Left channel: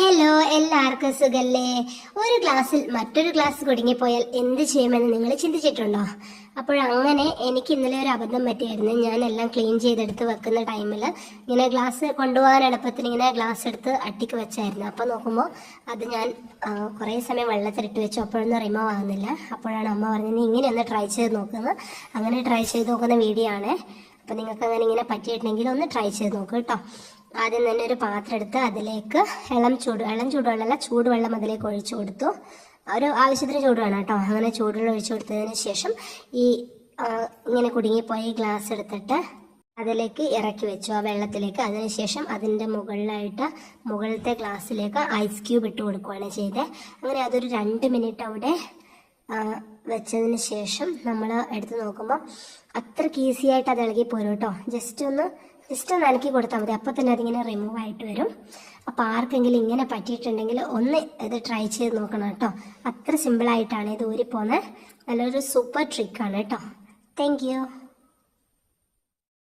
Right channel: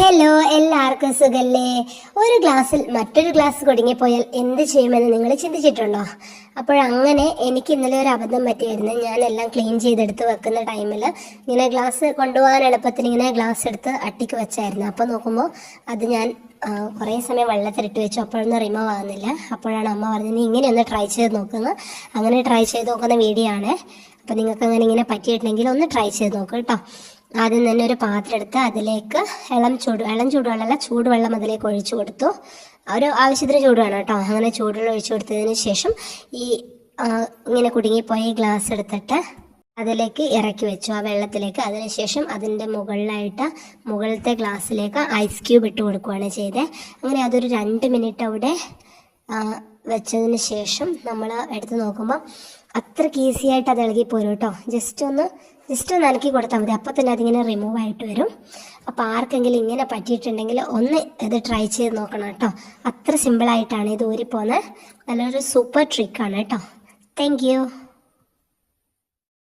Hello, എല്ലാവർക്കും സുഖല്ലേ? ഒരു ഗ്ലാസ്സിൽ മറ്റൊരു ഗ്ലാസ് കുടുങ്ങിപ്പോയാൽ എന്ത് ചെയ്യുമെന്ന് നിങ്ങൾ ചിന്തിച്ചിട്ടുണ്ടോ? അപ്പോഴങ്ങനെ എനിക്ക് ഇന്നലെ ഒരു അബദ്ധം പറ്റിയായിരുന്നു. ഞാനെല്ലാം ക്ലീൻ ചെയ്തെടുത്ത് വെക്കുന്ന ടൈമിൽ ഇങ്ങനെ ഗ്ലാസ് കൊണ്ടുപോകാൻ എളുപ്പത്തിന് ഇങ്ങനെ ഗ്ലാസ് എടുത്ത് അട്ടിക്ക് വെച്ചായിരുന്നു. അപ്പോൾ നോക്കുമ്പോൾ അത് ഞാൻ കുറേ സമയം വെള്ളത്തിലിട്ട് വെച്ചു. അപ്പോഴൊന്നും റിമൂവ് ആകുന്നില്ല. അപ്പോഴാണ് അമ്മ പറഞ്ഞത് നീ ഇങ്ങനെ ഒന്ന് ട്രൈ ചെയ്ത് നോക്കുന്നത്. അങ്ങനെ ട്രൈ ചെയ്ത് നോക്കുന്ന വീഡിയോ ആണ്. അപ്പോൾ നിങ്ങൾക്ക് അങ്ങനെ ഇങ്ങനെ പറ്റിയിട്ടുണ്ടെങ്കിൽ ഒന്ന് ട്രൈ ചെയ്ത് നോക്കൂ കേട്ടോ. ആദ്യം തന്നെ ഒരു പാത്രം എടുത്ത് അതിലേക്ക് ഇളം ചൂടുവെള്ളമല്ല, ചൂടുവെള്ളം അതിലേക്ക് ഒഴിച്ചു കൊടുത്തു. ഒരു ആവശ്യത്തിന് ചൂട് വേണം കേട്ടോ. അങ്ങനെ ചൂടുവെള്ളം ഒഴിച്ചു കൊടുത്തതിന് ശേഷം ഈ ഇങ്ങനെ കുടുങ്ങിപ്പോയ ഈ ഗ്ലാസ് എടുത്തിട്ട് അതിലേക്ക് ഇറക്കി വെച്ചു, ആ വെള്ളത്തിലേക്ക്. അതിനുശേഷം അതിൻ്റെ മുകളിലത്തെ ഗ്ലാസ്സിലേക്ക് ഐസ് ക്യൂബ് ഇട്ട് കൊടുക്കുകയാണ് ചെയ്തത്. അങ്ങനെ അതൊരു 2 മിനിറ്റ് അവിടെ വെച്ചതിന് ശേഷം നമ്മൾ എടുത്ത് നോക്കുമ്പോൾ അത്രയ്ക്ക് ഈസി ആയിട്ട് അത് ഇളകി പോരും കേട്ടോ. ജസ്റ്റ് ഒന്ന് അലക്കി കൊടുത്താൽ മതി. അപ്പോൾ തന്നെ അതിങ്ങനെ റിമൂവ് ആയിട്ട് വരും. അപ്പോൾ ആർക്കെങ്കിലും ഇങ്ങനെ പറ്റിയിട്ടുണ്ടെങ്കിൽ ഒന്ന് ഇത് ട്രൈ ചെയ്ത് നോക്കണം കേട്ടോ. അത്ര സിമ്പിളായിട്ടാണ് ഇത് ഊരിപ്പോകുന്നത്. നല്ലൊരു സൂപ്പർ ട്രിക്കാണ് കേട്ടോ. Thank you.